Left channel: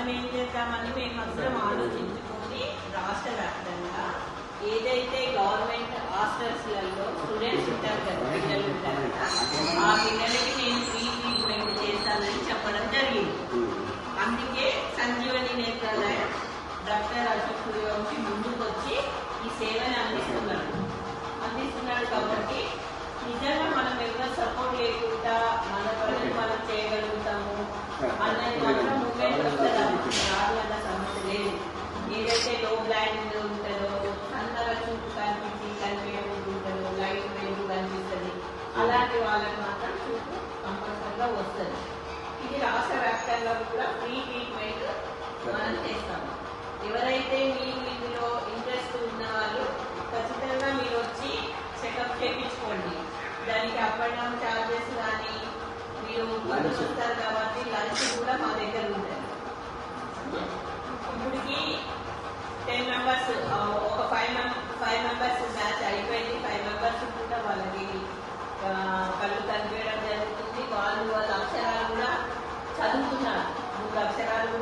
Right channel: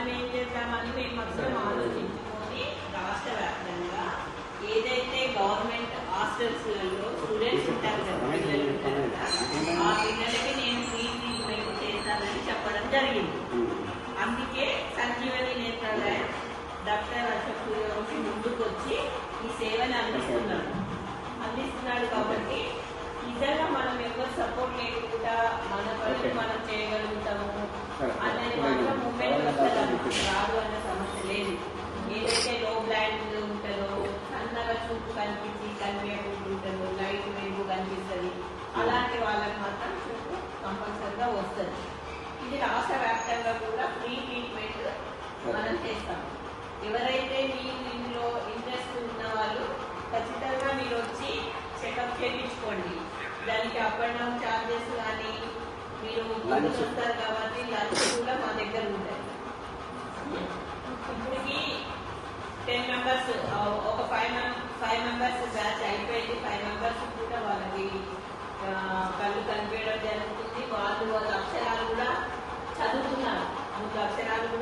మనం ఏం చేద్దామని మేమందరం ఆలోచించుకొని రాష్ట్ర వ్యాప్తంగా ఏదైతే గవర్నమెంట్ హాస్టల్స్లలో స్టూడెంట్స్ ఉంటారు కదా, పిల్లలు ఉంటారు కదా, ఆ పిల్లలకి నేను ఫ్రీ ట్రీట్మెంట్ చేస్తానని చెప్పడం జరిగింది. అందుకే సంజీవని నేత్రాలయ డాక్టర్ అశోక్ సూర్యవంశి ముందుకు వచ్చి ఈ సేవను అందిస్తున్నాడు. కాబట్టి నిజంగా మనం ఎవరు సపోర్ట్ లేకుండా మన పనులు మనం చేయగలుగుతాము అనేది మాత్రం మూమెంట్ వస్తుంది. రాదు అన్న సమస్య లేదు. ఏదైతే లో బ్లాండ్ ఉంటుందో, అంతగా చూపు కనిపించి కనిపించకుండా ఉంటుందో, లైట్ వెలుగు కనిపిస్తుంది, అలాంటి వాళ్ళకి మాత్రం చూపు కంపల్సరిగా వస్తుంది. ఇది రాష్ట్ర వ్యాప్తంగా కూడా ఫ్రీ ట్రీట్మెంట్ మనం చేస్తాము. ఎవరైతే మీరు ఇందులో ఇంట్రెస్ట్ ఉన్న వాళ్ళు ఖచ్చితంగా మీరు వచ్చి చెకప్ చేయించుకోండి. దానికి అప్ అండ్ డౌన్ ఛార్జెస్ కానీ, మీరు వస్తారు కాబట్టి లంచ్ కూడా మా దగ్గర ఉంటాయి. ఇప్పటికి 10 మెంబర్స్, ఒక 5 మెంబర్స్ బ్యాచ్ అయిపోయింది. 5 మెంబర్స్ కూడా వాళ్ళకి కళ్ళు కనిపించడం జరుగుతుంది. వాళ్ళ అక్షరాలు కూడా చదువుతున్నారు. 3 అక్షరాలు కూడా